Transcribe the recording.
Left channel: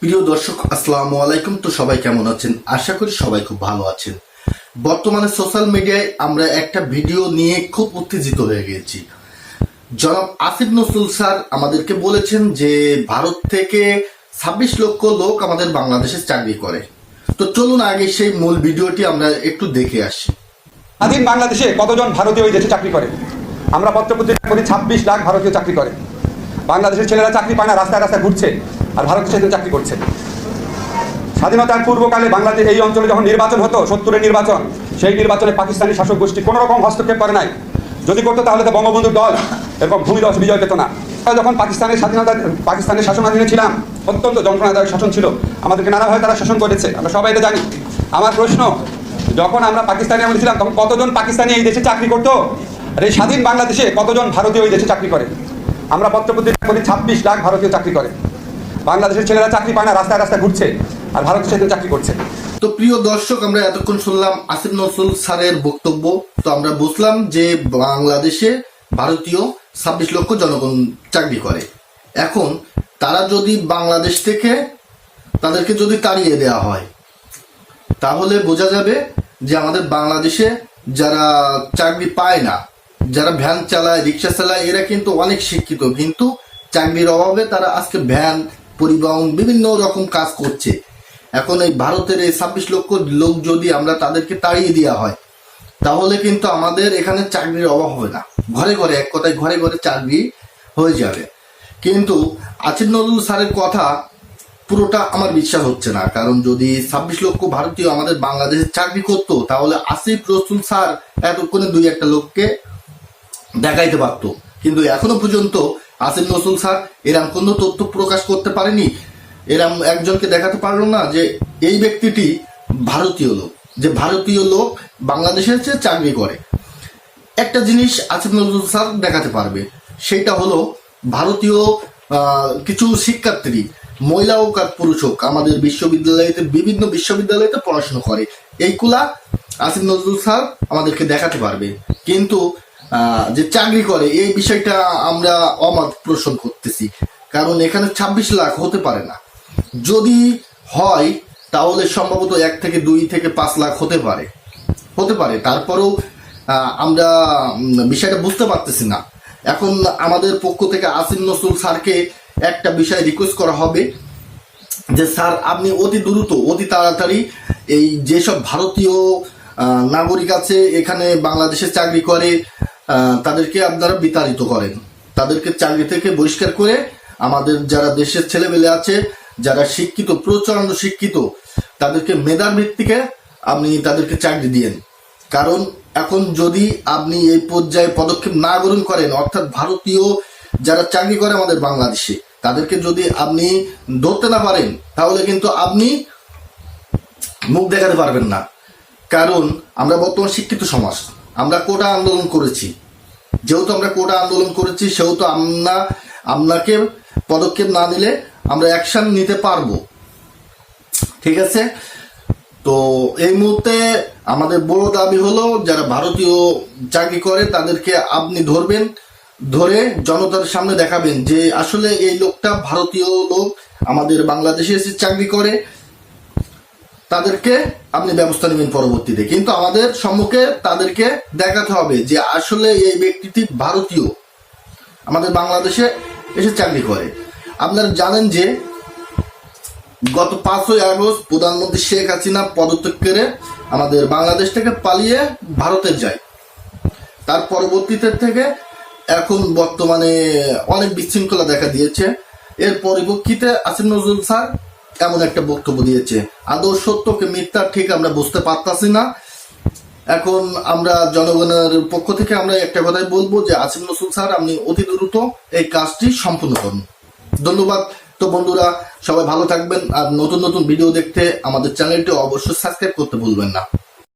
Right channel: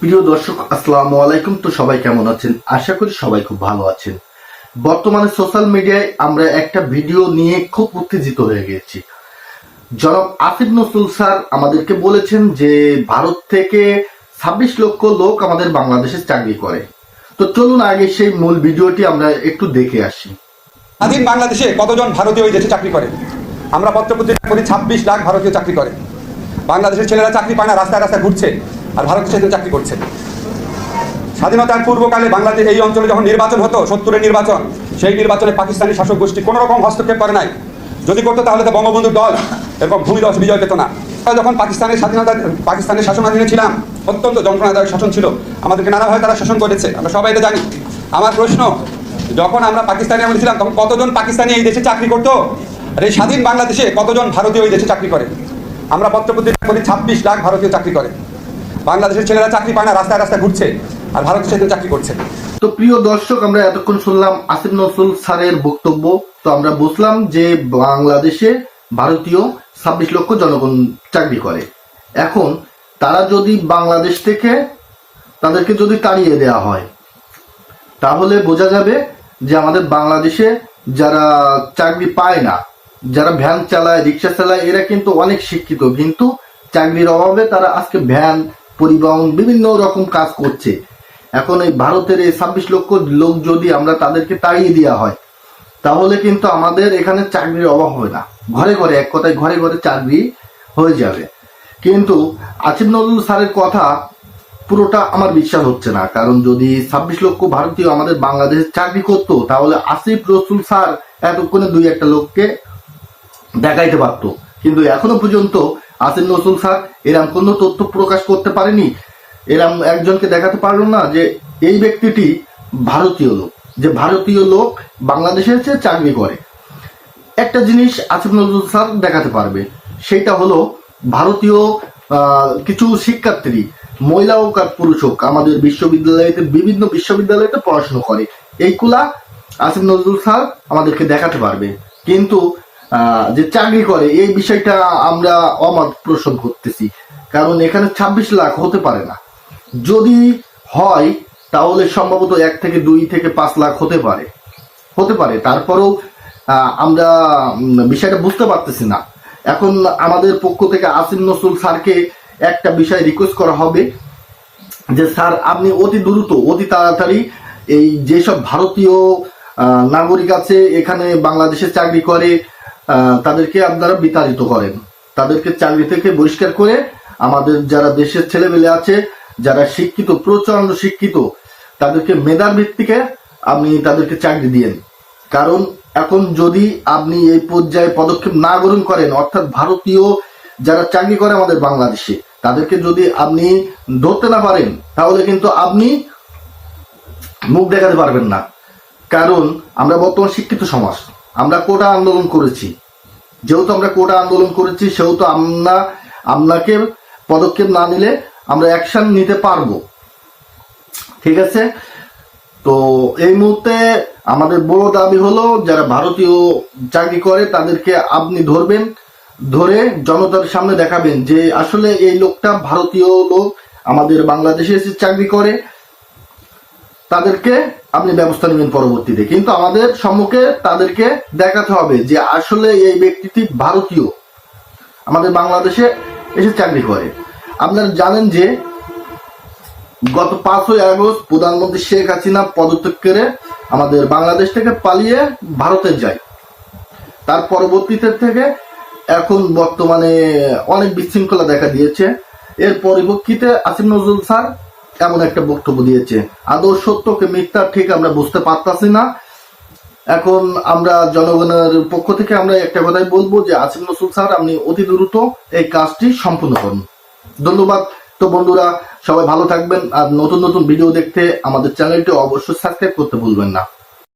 প্রিয় দর্শক, আসসালামু আলাইকুম। তো সবাই কেমন আছেন? আশা করি সবাই খুব ভালো আছেন। বর্তমানে সোশ্যাল মিডিয়ায় আমরা একটা ভিডিও নিয়ে খুব উত্তেজিত হয়ে গেছি। জনাব আসিফ নজরুল স্যার আমাদেরকে বলেছেন যে, ভারত থেকে ছাব্বিশ লক্ষ লোক আমাদের বাংলাদেশে চাকরি করে। তো চলুন আগে সেই মূল ভিডিওটি আমরা একটু দেখে আসি। স্বাধীন বাংলাদেশে কতজন ভারতীয় ওই দেশে চাকরি করে? আমরা পত্রপত্রিকা করি ছাব্বিশ লাখ ভারতীয় চাকরি করে। বাংলাদেশের ছেলেরা চাকরি পায় না, রাস্তায় রাস্তায় ঘুরছে। আর ভারতের ছেলেরা চাকরি করছে। স্বাধীনতার পূর্বকালে বাংলাদেশ এই অঞ্চলে যখন নির্বাচন হতো, সত্তরের নির্বাচন, সেই নির্বাচনে পাকিস্তানি শাসক গোষ্ঠী কোনো রকম হস্তক্ষেপ করে নাই। যদি করতো তাহলে তো বঙ্গবন্ধুর দল এরকম ভূমিদশ বিজয় পেত না। যখন পাকিস্তানের স্বাধীনতা, পাকিস্তানের শাসনাধীনে ছিলাম, অত্যন্ত যন্ত্রণাদায়ক শাসন ছিল। আমাদেরকে নানাভাবে তারা শাসন করেছে, আমরা সবাই এটা জানি। আমার প্রশ্ন, যখন আমরা পাকিস্তানে আমরা ছিলাম, তখন কতজন পাকিস্তানি এই দেশে চাকরি করতো? আর এই স্বাধীন বাংলাদেশে কতজন ভারতীয় ওই দেশে চাকরি করে? আমরা পত্রপত্রিকা করি ছাব্বিশ লাখ ভারতীয় চাকরি করে। বাংলাদেশের ছেলেরা চাকরি পায় না, রাস্তায় রাস্তায় ঘুরছে, আর ভারতের ছেলেরা চাকরি করছে। তো প্রিয় দর্শক, আমরা এতক্ষণ শুনলাম আসিফ নজরুল স্যারের বক্তব্য। তো আমরা বুঝলাম যে বাংলাদেশে ভারতীয় ছাব্বিশ লক্ষ জনগণ চাকরি করে। এখন তারা যদি বাংলাদেশ থেকে তাদেরকে যদি তাড়িয়ে দেওয়া হয়, তাহলে বোঝা যাবে যে আমাদের বাংলাদেশে যারা চাকরি পায় না, যারা ভ্যান চালায়, রিক্সা চালায়, এরা কিন্তু অনেক শিক্ষিত। কিন্তু চাকরির অভাবে তারা আজকে ভ্যান পরিবহন বিভিন্ন রকম কাজ করছে। এখন এই ভারতের এই ছাব্বিশ লক্ষ লোক যদি আমরা তাদেরকে তাড়িয়ে দেওয়া হয়, তাহলে কিন্তু আমাদের এখানে চাকরির অভাব হবে না। ঘরে ঘরে, এক কথায় ঘরে ঘরে চাকরি হয়ে যাবে। কিন্তু আসিফ নজরুল স্যারের কথা পুরোটা আমার বিশ্বাস হচ্ছে না। কারণ যদি ছাব্বিশ লক্ষ ভারতীয় আমাদের বাংলাদেশে চাকরি করতো, তাহলে আসিফ রসুল স্যার এতক্ষণে দুই একটা লোককে দেখাইতে পারতো। কিন্তু এখনও পর্যন্ত আসিফ নজরুল স্যার, এরম কোনো তথ্য প্রকাশ করতে পারেনি? এরম একজনকে দেখাতে পারল না যে এই ব্যক্তিটি ভারতীয় লোক, যে ভারতীয় লোক বাংলাদেশে এসে চাকরি করে। একটা জিনিস আসিফ নজরুল স্যার দেখাতে পারবে, সেটা হলো ভারতীয় কিছু শিক্ষার্থী, মহিলা হোক আর পুরুষ হোক, আমাদের বিশ্ববিদ্যালয়তে, বিভিন্ন বিশ্ববিদ্যালয়তে পড়াশোনা করে। এইগুলা আসিফ নজরুল স্যার আমাদেরকে দেখাতে পারবে। কিন্তু যে চাকরি করে, এই বিষয়টা আমরা অমত পোষণ করতেছি। কারণ এখানে ছাব্বিশ লাখ হতে পারে না। যদি হয়, তাহলে সম্ভবত এক থেকে দুই থেকে পাঁচ লাখ হতে পারে। হতে পারে। তারপরেও আমরা বিষয়টা বুঝতে পারতেছি না। এখন আমাদের পক্ষ থেকে আসিম নজরুল স্যারকে একটা বিষয় রিকোয়েস্ট করা হবে। যে স্যার, আপনি অতি দ্রুত, অতি তাড়াতাড়ি এই যেসব ভারতীয় নাগরিক আছে, এখানে বাংলাদেশে চাকরি করে তাদেরকে আপনারা বিতাড়িত করেন। তাদেরকে চাকরি থেকে বহিষ্কার করে আমাদের যারা দেশের ছেলেমেলে আছে, যারা শিক্ষিত, প্রচণ্ড শিক্ষিত, তাদেরকে মেধার ভিত্তিকে আপনি তাদেরকে চাকরি দিয়েন। কারণ এখন যদি আপনি এই পর্যায়ে পদক্ষেপ না গ্রহণ করেন, অর্থাৎ ভারতীয় যারা চাকরি করে আমাদের বাংলাদেশে, তাদেরকে যদি আপনি ধরতে না পারেন, তাহলে কিন্তু আপনি মুখ দেখাতে পারবেন না। কারণ আমরা বর্তমান শিক্ষিত সমাজ। আমরা কোটা আন্দোলন করেছি। যেহেতু আমরা কোটা আন্দোলন করেছি, সেহেতু আমরা, আপনাকে পদক্ষেপ না নিলে আমরা অ্যাকশন নিতে পারব। ঠিক আছে? তো এই মুহূর্তে আমাদের বড় দাবি হলো, যারা ভারতীয় চাকরি করে, তাদেরকে আপনি ধরবেন, ধরে জনতার সামনে দেখাবেন যে আসলে এই লোকটা ভারতীয় লোক, আমাদের বাংলাদেশে এসে চাকরি করে। তাদেরকে আপনি ব্যবস্থা নেবেন পরবর্তীতে। কিন্তু আমাদের সম্মুখে তাদেরকে দেখাতে হবে যে আসলে এই ব্যক্তিটি ভারতীয়। আমাদের বাংলাদেশে এসে চাকরি করে। আপনারা জানেন যে গত পাঁচই আগস্ট প্রধানমন্ত্রী শেখ হাসিনা পদত্যাগ করে আমাদের বাংলাদেশ থেকে পালিয়ে ভারতে যায়। তার পরবর্তীতে থেকে এখন বর্তমানে অনেক বিশৃঙ্খলা দেখা দিয়েছে। এর পরিপ্রেক্ষিতে আসিফ নজরুল স্যার এমন একটা বক্তব্য দিয়েছে। আদৌ সত্যকে মিথ্যা ঠিক আমরা বুঝতে পারতাছি না। এখন আমরা জনগণের পক্ষ থেকে আমরা একটা কথাই বলব যে, আসিফ রসুল স্যার, আপনি অতি দ্রুত এই কাজটি সম্পূর্ণ করুন। ধন্যবাদ। তো বন্ধুরা, সবাই ভালো থাকবেন। আর নতুন নতুন ভিডিও দেখতে আমাদের চ্যানেলটি অবশ্যই সাবস্ক্রাইব করতে ভুলবেন না।